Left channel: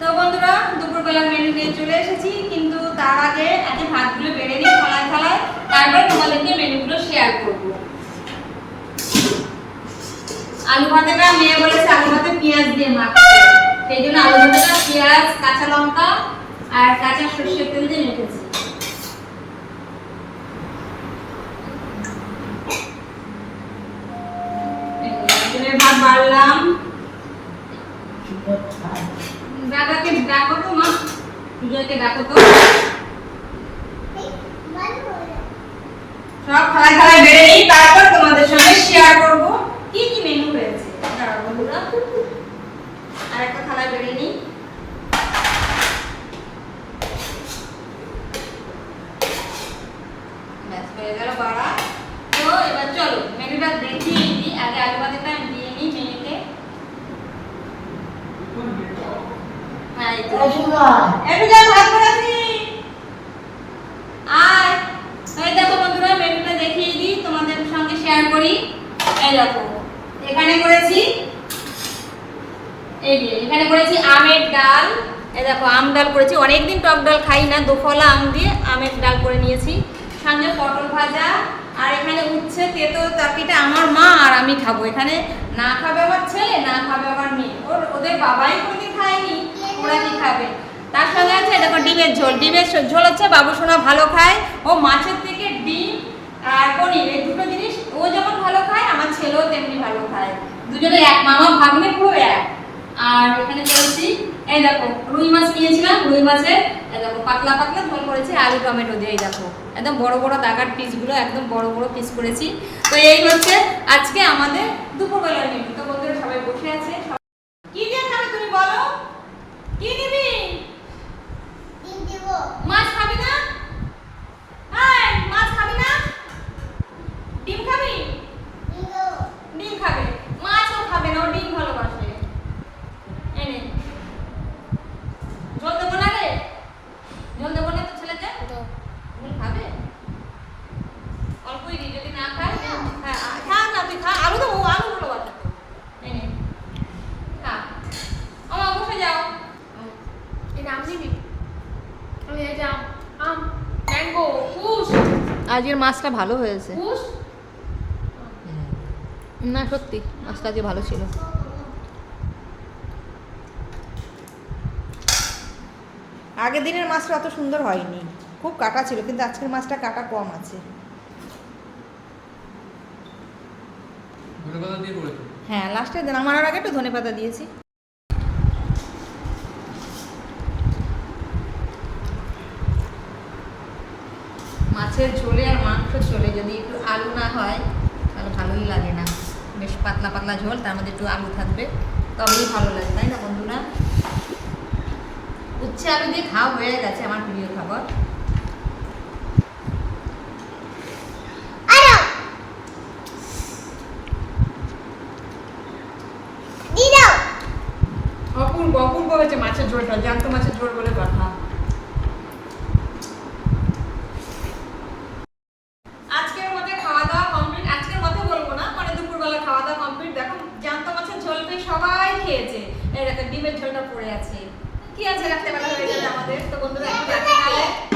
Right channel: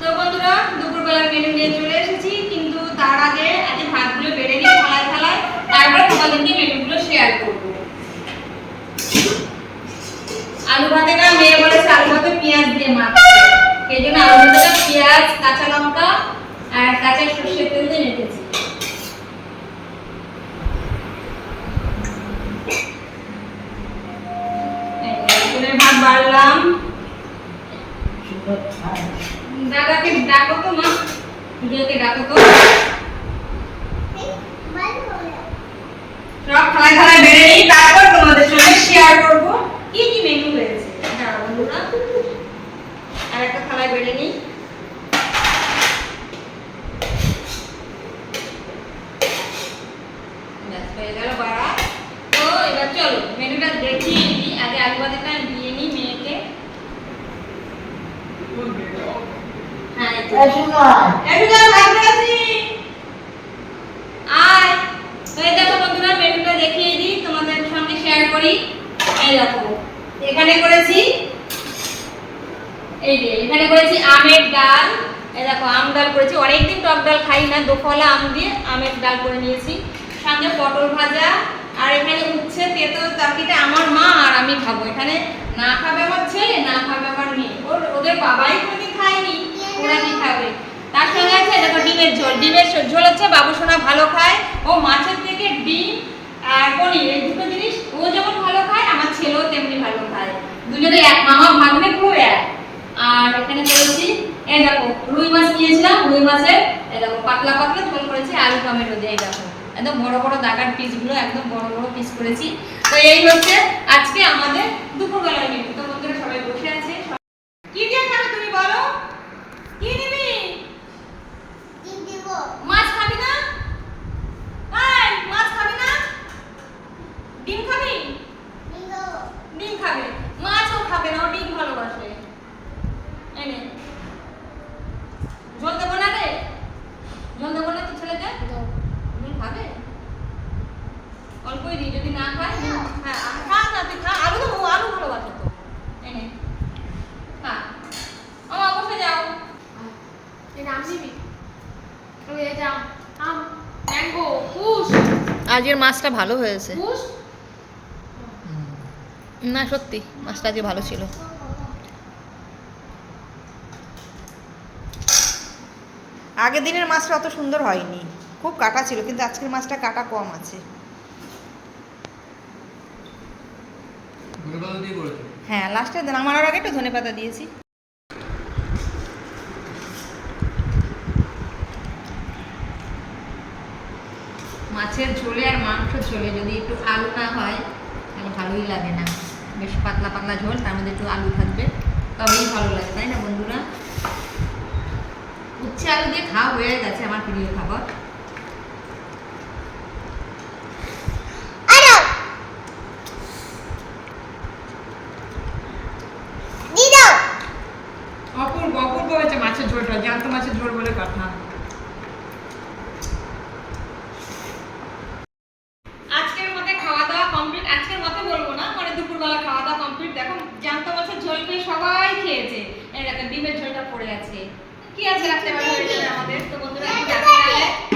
তো বন্ধুরা দুপুরবেলার মেনু নিয়ে চলে এসেছি, কিন্তু তার আগে আগে ভাতগুলো বেড়ে নিই থালায় থালায়, তারপর তোমাদেরকে মেনুগুলো শেয়ার করব। আলু ভাতেটা মেয়ে বলেছে আলু ভাতে পেঁয়াজ দিয়ে মাখতে, সেই জন্য আলু ভাতেটা পেঁয়াজ, কাঁচা লঙ্কা আর কাঁচা সরষের তেল দিয়ে মেখেছি। ভাত বাড়লাম, দাদাকে ডাকো তো মা, পুজোকে ডাকো তো। সব খাওয়া খাওয়া বেড়ে নিই, তারপর তোমাদের সঙ্গে শেয়ার করব কি কি মেনু হয়েছে। হ্যাঁ বন্ধুরা, আর একটা থালায় বেড়ে নিই। ব্যাস হয়ে গেল বাড়া। তো এবার চলো মেনুটা দেখিয়ে দিই। আগে আলু ভাতেটা দিয়ে নিই মেয়েকে। হ্যাঁ এই তো আয়। তো এই দেখো বন্ধুরা, মেনুটা দেখিয়ে দিই, তোমাদের সঙ্গে শেয়ার করি। এই দেখো এখানে করেছি, এই যে এখানে করেছি আমের ডাল। এই দেখো আম ডাল করেছি, অনেকদিন টক ডাল খাই না, দোফলা আম দিয়ে আমের ডাল করে নিয়েছি। সঙ্গে পটল ভাজা, আর এখানে উচ্ছে তেতো তরকারিটা আমার মা আর আমি খাবো। এখানে না খাবে আমার ছেলে, না খাবে আমার মেয়ে, ওদের বাবাই কোনোদিন খায়নি, ওরা কি খাবে। তার সঙ্গে আছে দেখো ডিমের ঝোল। ডিমের ঝোল হচ্ছে বাবু সোনা ভালো খায়, ও মাছের থেকে ডিম আর পনির এই দুটো জিনিস ও যেমন ভালো খায়, আমার ছেলেও তেমনি ভালো খায়, দুজনে এক মামা ভাগ্নে পুরো এক। আর এখানে করেছি এই দেখো রুই মাছ নিয়েছিলাম, রুই মাছের এই দেখো পাতলা পাতলা ঝোল করেছি আলু টমেটো দিয়ে। এই দেখো একদম বড় বড় দাগার পিসগুলো একদম বড় বড় পিস করেছি। তো এই হচ্ছে আজকে আমাদের দুপুরবেলার মেনু। তো বন্ধুরা সবাই বসে আছে, কি দিয়ে খাবে তুমি বলো, কি নিবি? ডিম দেব। মাছ খাবি না? এই মাছ খাবি না? ডিম খাবি? ডিম খাবে, মাছও খাবে না, ও ডিম ভালোবাসে। এনে ঝোল দেবো না রে, ঝোল দেবো না তো ছেলেকে, ঝোল খাবে অল্পই দিই, যদি না খায় হ্যাঁ খা না, তুই খা, আলু দেবো, আলু ভালোবাসে তো। এনে খা, আমার বসে যাও। আজকের মাছটা ভালো হয়েছে না, সত্যি মাছটা আজকে ভালো ছিল। আগের দিনের মাছটা অত সুন্দর হয়নি, খুব কাটা ছিল, কিন্তু আজকের মাছটা কাটা কম আছে। হ্যাঁ লাস্টে নামানোর আগে একটু ধনেপাতা দিয়েছি। মাছের ঝোলে আর মাংস ঝোলে যদি একটু আলু না হয় তাহলে ভালোই লাগে না। বেশ পাতলা পাতলা ঝোল, তার মধ্যে একটু আলু থাকবে, তবেই ভালো লাগে, তাই না বন্ধুরা? উচ্ছে আলু দিয়ে খাওয়া হয়ে গেছে আমার প্রিয় খাবার। অপূর্ব অপূর্ব হয়েছে মাছের ঝোলটা, জ্যান্ত মাছের ঝোল বলে কথা। আজকের মধ্যে খাওয়া দাওয়া কমপ্লিট, আজকের মধ্যে বলবো না, মানে দুপুরবেলা খাওয়া দাওয়া কমপ্লিট। দেখো জ্যান্ত মাছের ঝোলটা সবাই খেয়েছে, এই দেখো ডিমের ঝোলটা পড়ে আছে, কি আছে রাখতে পারবে আমাদের। তো বন্ধুরা একটু